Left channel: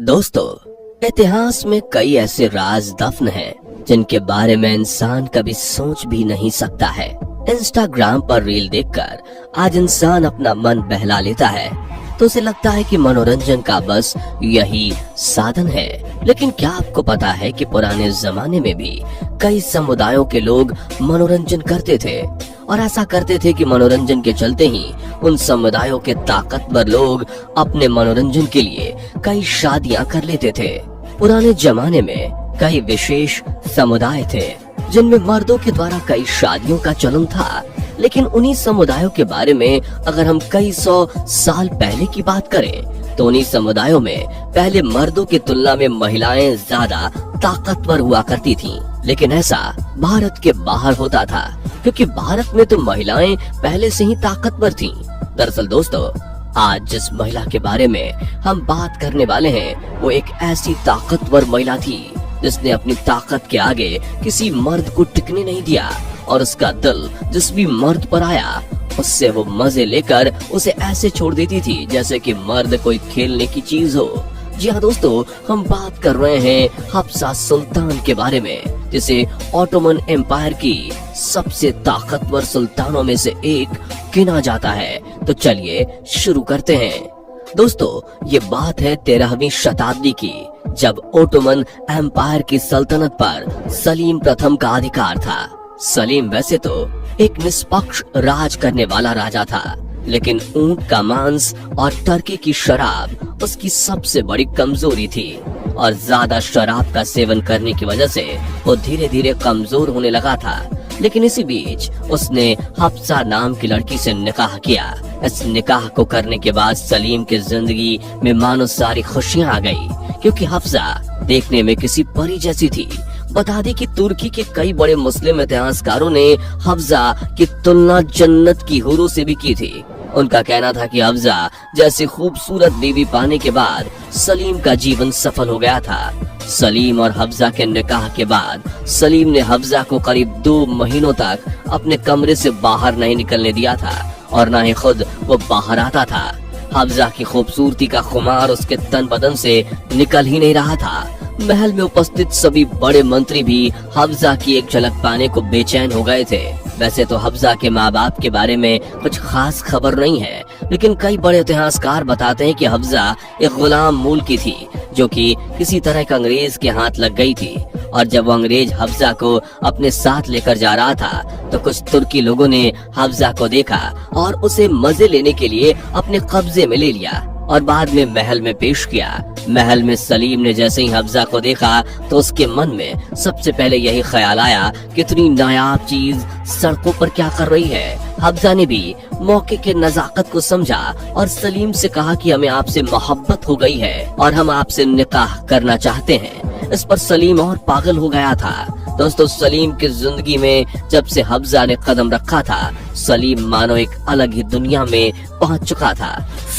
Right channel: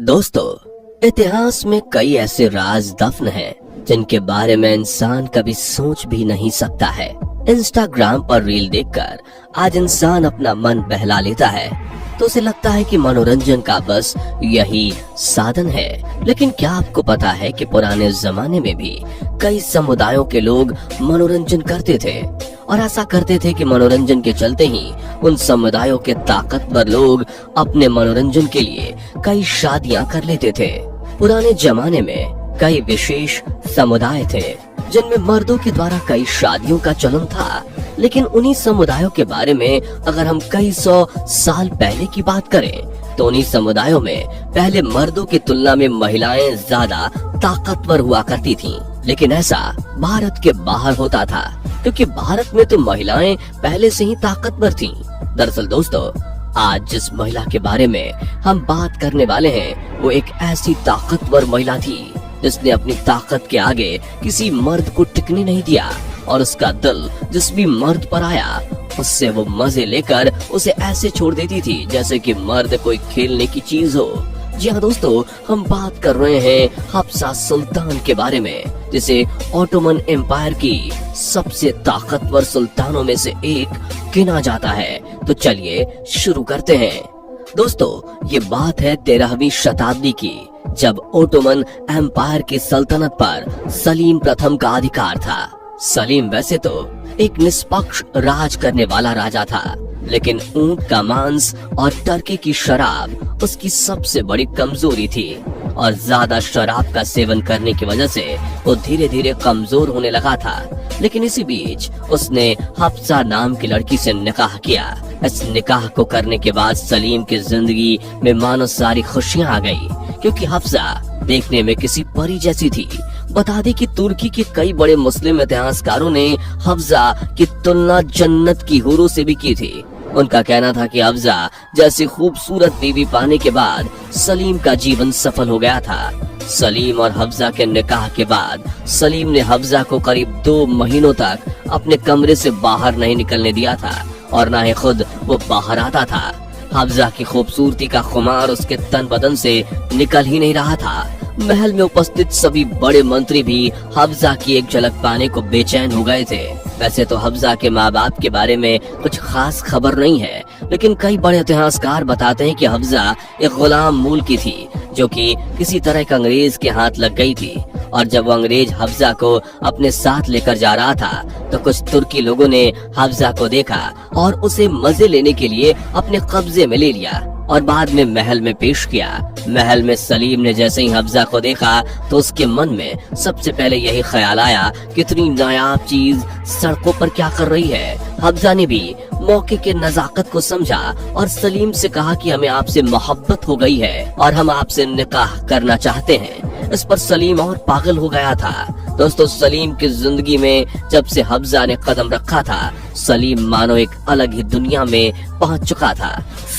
दोस्तों, इतिहास में कई ऐसे राज दफन हैं जिनके बारे में इंसान कभी सोच भी नहीं सकता है। इंस्टाग्राम पर रील देखकर आज इंसान अपना मन बहला लेता है तो उसे लगता है कि मनोरंजन का बस यही साधन है। लेकिन क्या आपको पता है कि पुराने जमाने में भी कई समुदायों के लोग मनोरंजन करते थे और ऐसा करते थे कि मनोरंजन के चलते ही उन समुदायों के ताकतवर लोग अपने मनोरंजन के लिए कई शादियां कर लेते थे। पुराने जमाने में कई विशेष समुदाय थे जिनमें मर्दों के द्वारा कई शादियों का चलन था। लेकिन उन्हीं समुदायों के बारे में अगर हम कई 100 साल पहले की बात करें तो उन्हीं समुदायों में पहले मर्दों की तुलना में महिलाएं ज्यादा ताकतवर हुआ करती थीं। लेकिन ऐसा भारत के बाहर होता था क्योंकि भारत में तो महिलाएं पहले से ही ताकतवर थीं। दरअसल दोस्तों, आज जिस महिला के बारे में हम बात करने वाले हैं वो एक ऐसी ताकतवर महिला थी जिसने अपनी ताकत के आगे किसी मर्द को टिकने नहीं दिया और उसका दिल जिस भी मर्द पर आया उससे वो मजे लेकर उसे ऐसे छोड़ देती थी जैसे कि मर्द कोई खेलने की चीज हो। जी हाँ दोस्तों, हम बात कर रहे हैं हफ्सा सुल्तान के बारे में जिसे ऑटोमन एम्पायर की सबसे ताकतवर सुल्तानों में से एक गिना जाता है। तो चलिए शुरू करते हैं। दोस्तों, ये बात है 13वीं शताब्दी की, जब ओटोमन एम्पायर की सल्तनत पर सलीम प्रथम का अधिकार था। सलीम वैसे तो एक निष्पक्ष राज करने वाला राजा था, लेकिन ऊंट का मांस और टर्की की शराब उसकी सबसे बड़ी कमजोरी थी और ज्यादा शराब का सेवन करने की वजह से वो धीरे धीरे कमजोर होने लगा था। लेकिन इसी बीच उसने हफ्सा नाम की लड़की से निकाह किया। इस निकाह को करने के बाद सलीम की जिंदगी में मानो सारी खुशियां आ गई क्योंकि हफ्सा देखने में किसी परी जैसी थी। बता दी कि तुर्की के कई बड़े मुस्लिम इतिहासकारों ने हफ्सा की तुलना जन्नत की हूरों से भी की थी। उनका कहना था कि हफ्सा जैसी खूबसूरत बीवी पाने के बाद सलीम का जीवन सफल हो गया था। सलीम और हफ्सा के निकाह के बाद सलीम ने हफ्सा को करीब 2 महीनों तक अपने कमरे से बाहर नहीं निकलने दिया था और न ही खुद वो बाहर आता था। हफ्सा की खूबसूरती का खुमार उसके तन बदन से निकल ही नहीं रहा था। महल में उपस्थित सभी बड़े मंत्री भी हफ्सा की एक झलक पाने को बेचैन हो गए थे। वैसे तो हफ्सा के माँ बाप के बारे में कुछ खास खबर नहीं है, लेकिन कई बड़े इतिहासकार बताते हैं कि हफ्सा एक गुलाम मूल की थी जो कि किसी तरह एक अंग्रेज के हाथ लग गई थी। और जब वो अंग्रेज हफ्सा को अपने साथ लेकर जा रहा था तो कुछ तुर्की लोगों ने हफ्सा को देखा और उसे मजे लेने के लिए अपने कब्जे में ले लिया और बाद में महल में पेश किया। महल में सलीम ने जैसे ही हफ्सा को देखा तो उसके मन में सबसे पहले यही ख्याल आया कितनी नायाब चीज सड़कों पर क्या कर रही है। हफ्सा ने भी मौके के नजाकत को समझा और सलीम से कहा कि हमें आपसे मोहब्बत हो गई है और हम आपसे निकाह करना चाहते हैं। इस पर सलीम और पागल हो गया था। दोस्तों, सलीम की जिंदगी में जब से हफ्सा ने कदम रखा था सलीम मानो एक अलग ही दुनिया में पहुंच चुका था।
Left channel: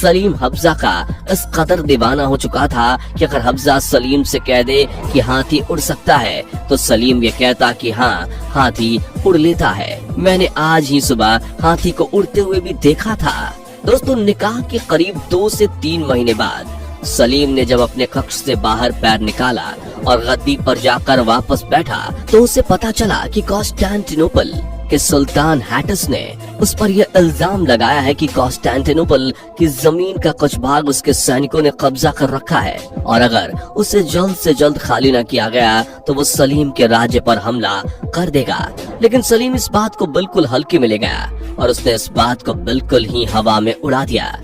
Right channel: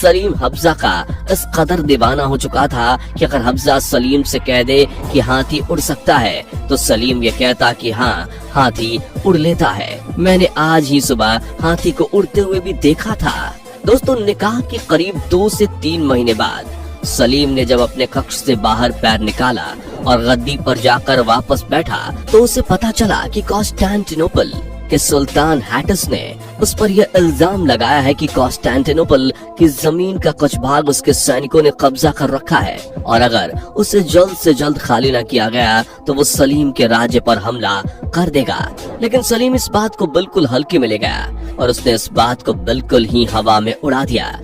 सलीम हफ्सा का इस कदर दीवाना हो चुका था कि अगर हफ्सा सलीम से कह दे कि हाथी उड़ सकता है तो सलीम ये कहता कि हाँ, हाथी उड़ लेता है। मैंने आज ही सुबह हाथी को उड़ते हुए भी देखा था। दोस्तों, निकाह के करीब 2 से 3 महीने बाद सलीम ने जब अपने कक्ष से बाहर पैर निकाला और गद्दी पर जाकर वापस बैठा तो उसे पता चला कि कॉन्स्टेंटिनोपल के सुल्तान हैटस ने उस पर यह इल्जाम लगाया है कि कॉन्स्टेंटिनोपल की जमीन का कुछ भाग उसके सैनिकों ने कब्जा कर रखा है और अगर उसे जल्द से जल्द खाली न किया गया तो वो सलीम के राज्य पर हमला कर देगा। लेकिन सलीम इस बात को बिल्कुल हल्के में ले गया और उसने इस बात को बिल्कुल ही हवा में उड़ा दिया।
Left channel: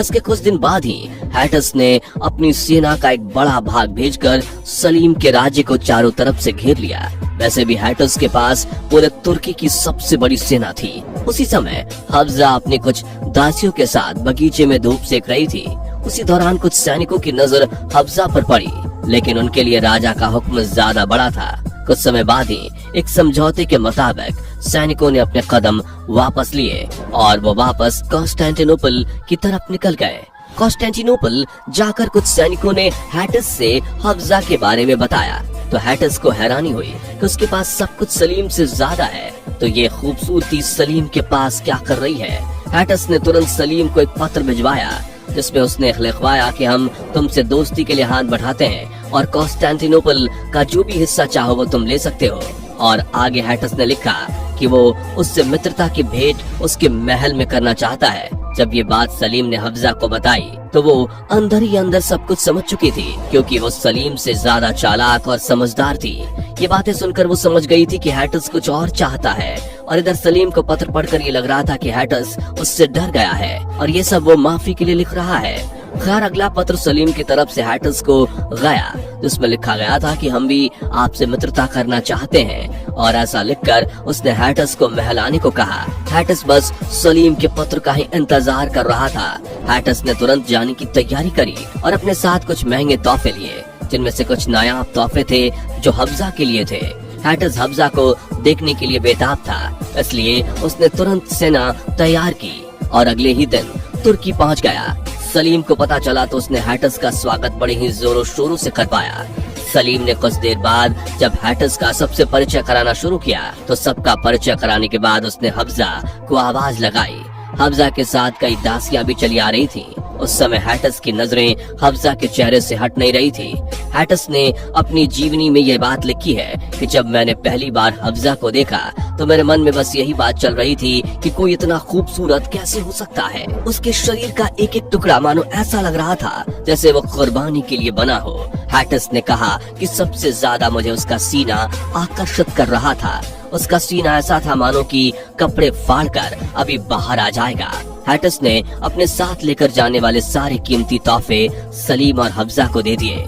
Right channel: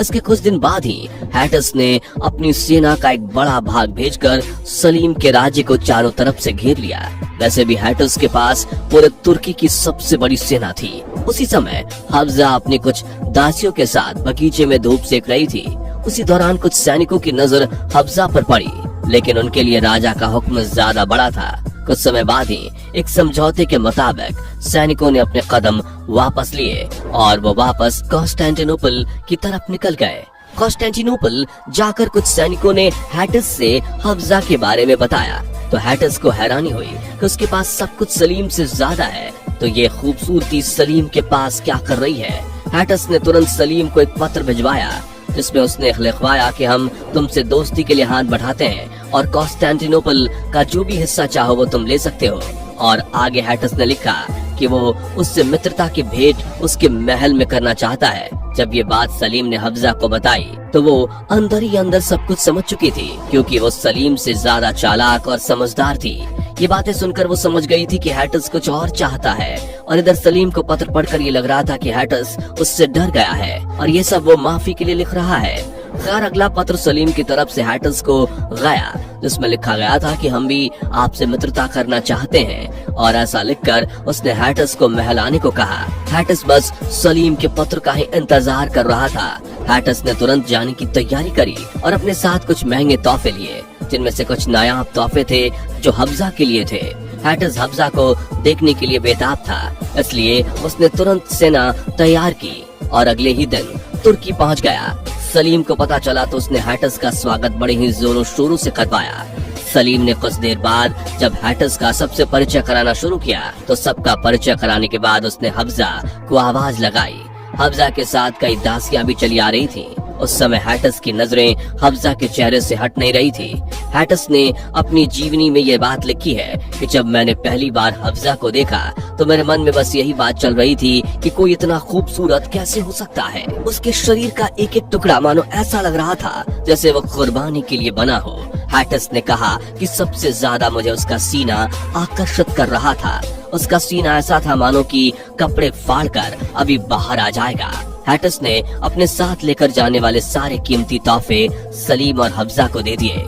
इसके कुछ दिन बाद ही हैटस ने अपनी सेना का एक बड़ा भाग भेजकर सलीम के राज्य को चारों तरफ से घेर लिया। वैसे भी हैटस के पास पूरे तुर्की की सबसे बड़ी सेना थी। उसी समय हफ्सा अपनी कुछ दासियों के साथ बगीचे में धूप सेक रही थी। उसी दौरान कुछ सैनिकों की नजर हफ्सा पर पड़ी, लेकिन उनके लिए राजा का हुक्म ज्यादा बड़ा था। कुछ समय बाद ही एक समझौते के मुताबिक सैनिकों ने अपने कदम वापस लिए और वो वापस कॉन्स्टेंटिनोपल की तरफ निकल गए। कॉन्स्टेंटिनोपल जाकर कुछ सैनिकों ने हैटस से हफ्सा के बारे में बताया तो हैटस को हैरानी हुई कि उसके पास सब कुछ सलीम से ज्यादा है, तो ये खूबसूरती सलीम के पास क्या कर रही है। हैटस ने तुरंत सलीम को एक पत्र भिजवाया जिसमें उसने लिखवाया कि हम तुमसे दोस्ती के लिए हाथ बढ़ाते हैं और कॉन्स्टेंटिनोपल का जो भी हिस्सा चाहो वो तुम ले सकते हो। और आगे हैटस ने लिखा कि वो उससे मित्रता की भेंट उसके महल में करना चाहता है। जब ये बात सलीम ने हफ्जा को बताई तो वो अंदर ही अंदर सब कुछ समझ चुकी थी, क्योंकि वो सलीम से ज्यादा चालाक और समझदार थी। ये बातें सुनकर वो समझ गई थी कि हैटस कुछ और चाहता है, और इधर सलीम को पत्र पढ़कर ये लग रहा था कि हैटस उससे डर गया है और ये सब वो माफी के लिए लिख रहा है। खैर, अगला पत्र सलीम की तरफ से हैटस को गया, जिसमें लिखा गया था कि हम भी आपसे मित्रता करना चाहते हैं, और ऐसा लिखकर उसने हैटस को महल आने को कहा। हैटस बस सलीम के पत्र का ही इंतजार कर रहा था। हैटस ने तुरंत जाने की तैयारी करी और अपने साथ कुछ महंगे तोहफे लिए, जिनमें से कुछ नायाब तोहफे थे जो हफ्जा के लिए थे। हैटस हफ्जा को देखने के लिए बेताब था, इसलिए उसने तुरंत सेना तैयार की और अगले ही दिन तुर्की पहुंच गया। सलीम को पता चला तो उसने हैटस का स्वागत बड़े ही जोरों शोरों से करवाया। सलीम ने कुछ देर बाद जब हैटस का सबसे परिचय कराना शुरू किया तो सबका परिचय कराने के बाद उसने हफ्जा को आवाज लगाई। हफ्जा के साथ कई दासियां भी चली आ रही थीं। उस समय हैटस की नजरें हफ्जा के चेहरे से हट नहीं रही थी। हैटस ने अपनी जीवनी में यह बात लिखी है कि जब मैंने पहली बार हफ्जा को देखा तो मेरे मन में बस यही बात चल रही थी कि कोई इतना खूबसूरत कैसे हो सकता है। उसके शरीर का एक एक टुकड़ा मानो ऐसा लग रहा था जैसे वो कुर्बानी के लिए बना हो। हैटस ने कहा कि सबसे ज्यादा मुझे उसका सीना आकर्षित कर रहा था। उसका सीना ऐसा था मानो कि कपड़े फाड़कर अभी बाहर आ जाएगा। हैटस ने अपने साथ लेकर जाने वाले सारे कीमती तोहफे सलीम और हफ्जा को दे दिए।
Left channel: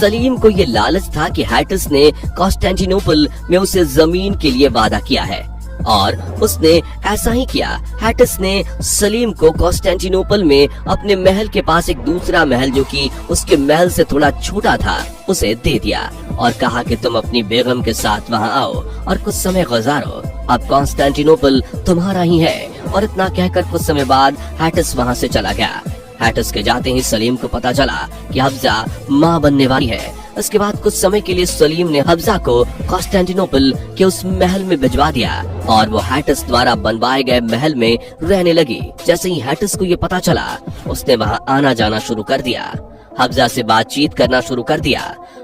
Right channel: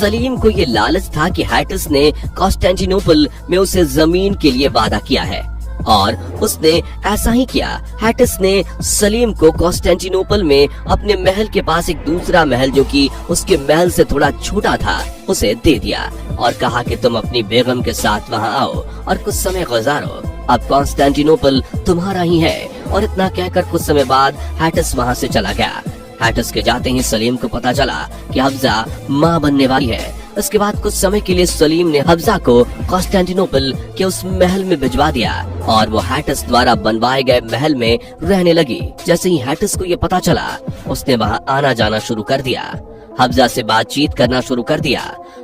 सलीम को ये लालच था कि हैटस ने कॉन्स्टेंटिनोपल में उसे जमीन के लिए वादा किया है, और उसने ऐसा ही किया। हैटस ने सलीम को कॉन्स्टेंटिनोपल में अपने महल के पास एक दूसरा महल जो कि उसके महल से थोड़ा छोटा था उसे दे दिया और कहा कि तुम अपनी बेगम के साथ वहां आओ और कुछ समय गुजारो। अब कॉन्स्टेंटिनोपल तुम्हारा ही है। और इतना कहकर कुछ समय बाद हैटस वहां से चला गया। हैटस के जाते ही सलीम को पता चला कि हफ्जा मां बनने वाली है। इसके बाद कुछ समय के लिए सलीम ने हफ्जा को कॉन्स्टेंटिनोपल के उस महल में भिजवा दिया और वो हैटस द्वारा बनवाए गए महल में रहने लगी। जैसे ही हैटस को ये पता चला उसने वहाँ आना जाना शुरू कर दिया, हफ्जा से बातचीत करना शुरू कर दिया।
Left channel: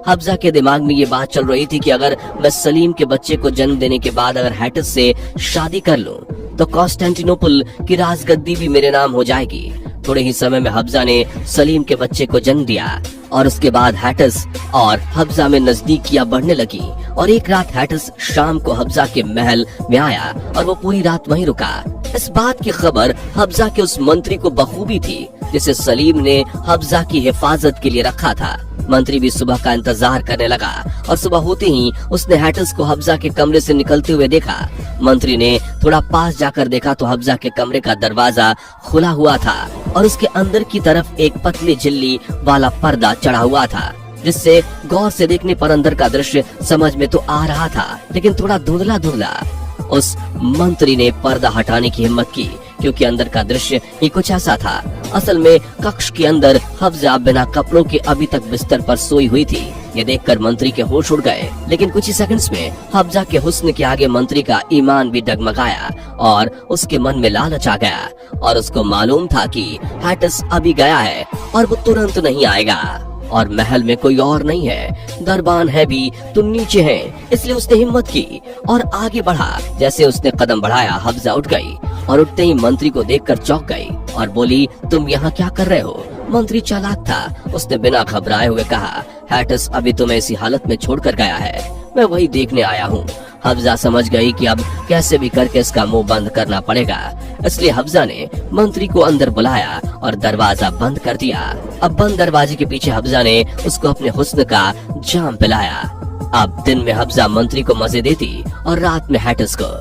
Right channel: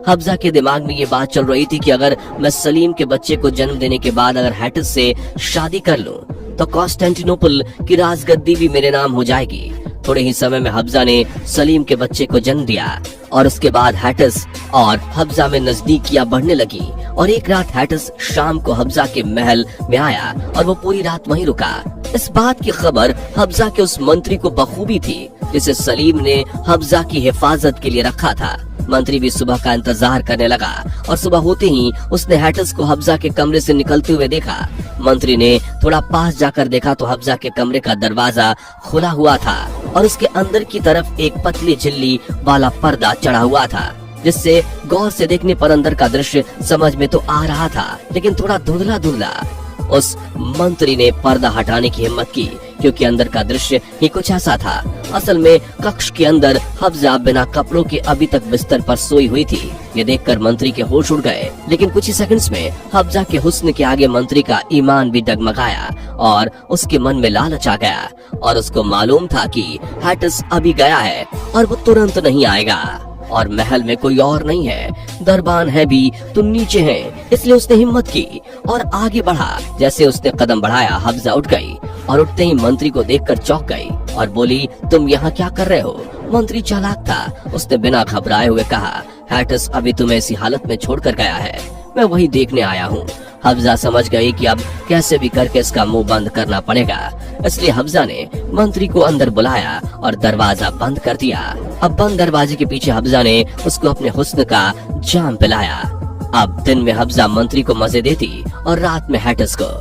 हफ्जा के दिमाग में ये बात चल रही थी कि अगर मैं सलीम के बच्चे को जन्म देने के बाद अगर हैटस से शादी कर लूं तो कॉन्स्टेंटिनोपल की राजगद्दी भी मेरे नाम हो जाएगी। थोड़े ही समय में हफ्जा ने सलीम के बच्चे को जन्म दिया और उसके बाद हैटस और हफ्जा में नजदीकियां बढ़ने लगी। और एक रात हैटस शाम को हफ्जा के महल में आया और वो पूरी रात वहीं रुका। इस बात की खबर हफ्जा के उस मंत्री को बखूबी थी जिसे सलीम ने हफ्जा की हिफाजत के लिए रखा था। मंत्री भी सुबह का इंतजार करने लगा और सुबह होते ही उसने हैटस को हफ्जा के कमरे से निकलते हुए देखा। मंत्री ने थोड़ा पास जाकर देखा तो हफ्जा के कमरे का दरवाजा खुला हुआ था और उसके अंदर की तरफ एक पतली झिल्ली वाला पर्दा चढ़ा हुआ था, जिससे गौर से देखने पर अंदर का दृश्य समझ में तो आ रहा था लेकिन थोड़ा धुंधला धुंधला। उस मंत्री ने पर्दा हटाने की हिम्मत की क्योंकि अंदर का दृश्य ही कुछ ऐसा था। असल में कक्ष के अंदर हफ्जा बिना कपड़ों के अभी तक बिस्तर पर सोई हुई थी। ये देखकर मंत्री के होश उड़ गए, लेकिन कुछ ही सेकंड्स में हफ्जा के हुस्न के आगे मंत्री का ईमान भी डगमगाया और उसके मन में लालच आ गया और उसको मालूम था कि हैटस अभी गया है और वो तुरंत नहीं आएगा और महल में कोई और नहीं है, दरबान है भी तो नीचे है। इसलिए उसने हिम्मत की और आगे बढ़ा। जैसे उसने कदम बढ़ाया हफ्जा उठ गई और उठते ही मंत्री को देखकर चौंक गई और बोली, तुम यहाँ क्या कर रहे हो? मंत्री चालाक था, उसने बिना घबराए हुए कहा, हैटस अभी तुम्हें इसी हालत में छोड़कर गया है, मैं वही देखने आया हूँ। हफ्जा समझ गई कि अब कैसे भी करके इसका मुंह बंद करना पड़ेगा, इसलिए हफ्जा ने मंत्री को अंदर बुलाया और दरवाजा बंद कर दिया। अब बंद दरवाजे के पीछे हफ्जा ने उसको अपने हुस्न का जाम पिलाया। अब दिन में हफ्जा मंत्री को मजे देती और रात में हैटस को।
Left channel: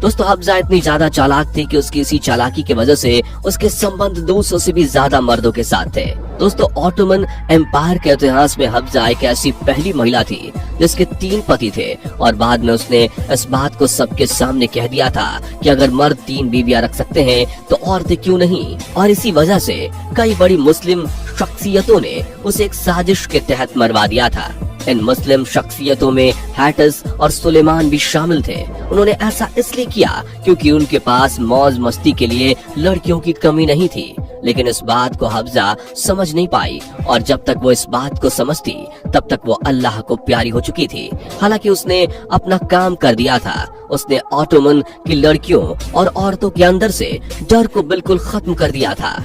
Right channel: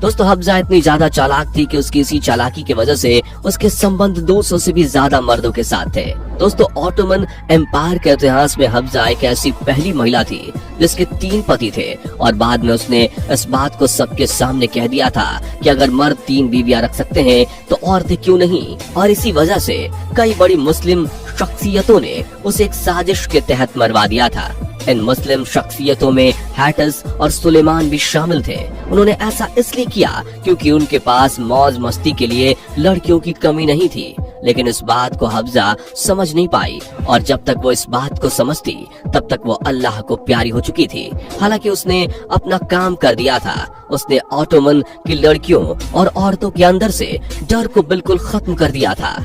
दोस्तों, हफ्जा इतनी ज्यादा चालाक थी कि उसकी इसी चालाकी की वजह से उसके संबंध 200 से भी ज्यादा मर्दों के साथ थे। दोस्तों, ऑटोमन एम्पायर के इतिहास में हफ्जा एक ऐसी पहली महिला थी जिसके 3 पति थे और बाद में उसने इस बात को सबके सामने कह दिया था कि अगर मर्द 3 बीवियां रख सकते हैं तो औरतें क्यों नहीं। और इसी वजह से कई बड़ी मुस्लिम शख्सियतों ने उसे एक साजिश के तहत मरवा दिया था। इन मुस्लिम शख्सियतों में हैटस और सुलेमान भी शामिल थे। उन्होंने ऐसा इसलिए किया क्योंकि उनके पास मौज मस्ती के लिए लड़कियों की कमी नहीं थी। लेकिन इस बात को हफ्जा समझ नहीं पाई और जब तक वो इस बात को समझती तब तक वो अल्लाह को प्यारी हो चुकी थी। हालांकि उसने अपना काम कर दिया था। उसने ऑटोमन की लड़कियों और औरतों के अंदर से डर को बिल्कुल खत्म कर दिया था।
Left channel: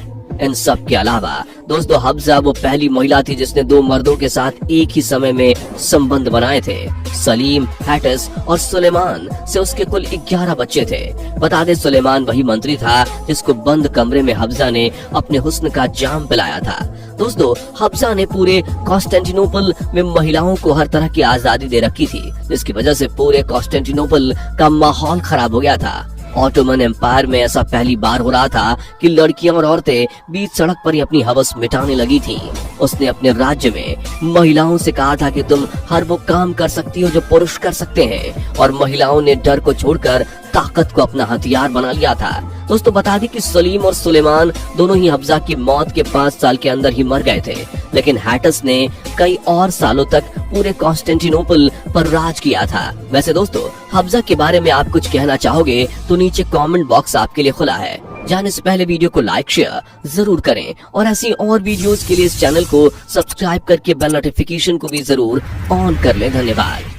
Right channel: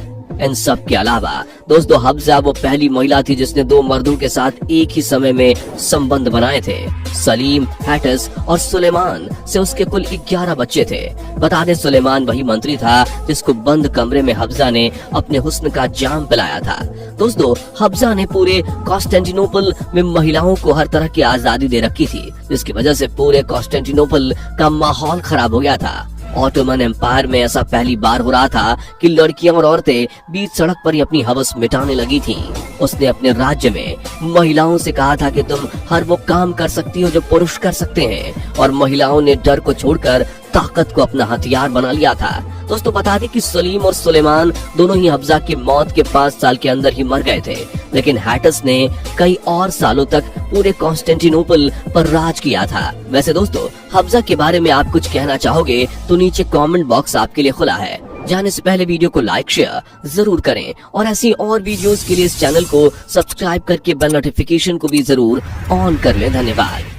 इन सब के अलावा दोस्तों हफ्जा वो पहली महिला थी जिसने 2 मर्दों के साथ एक ही समय में संबंध बनाए थे। सलीम, हैटस और सुलेमान से उसके कुल 11 बच्चे थे। बता दें सुलेमान वही मंत्री था जिसको बंद कमरे में हफ्जा ने अपने हुस्न का जाम पिलाया था। दोस्तों हफ्जा ने पूरे कॉन्स्टेंटिनोपल में महिलाओं को हर तरह की आजादी दे रखी थी, जिसकी वजह से पूरे कॉन्स्टेंटिनोपल का माहौल खराब हो गया था। ऑटोमन एम्पायर में ऐसा पहली बार हो रहा था कि लड़कियां और औरतें बीच सड़क पर ही अपनी हवस मिटाने लगी थी। उसने अपने राज्य में महिलाओं से कहा था कि तुम हर वो काम कर सकती हो जो पुरुष कर सकते हैं, और महिलाओं ने डर को छोड़कर ताकत को अपना हथियार बना लिया था। दोस्तों बता दें कि सलीम और सुलेमान दोनों ही हफ्जा की मौत के 5 साल के अंदर ही मर गए थे, लेकिन हैटस ने कई और सालों तक पूरे कॉन्स्टेंटिनोपल पर राज किया था। वैसे दोस्तों हफ्जा के बारे में आप कुछ कहना चाहोगे तो नीचे कमेंट बॉक्स आपके लिए खुला है। जाने से पहले वीडियो को लाइक शेयर जरूर करें और ऐसी और वीडियोस के लिए इस चैनल को सब्सक्राइब करके बेल नोटिफिकेशन को भी जरूर ऑन कर लें। धन्यवाद।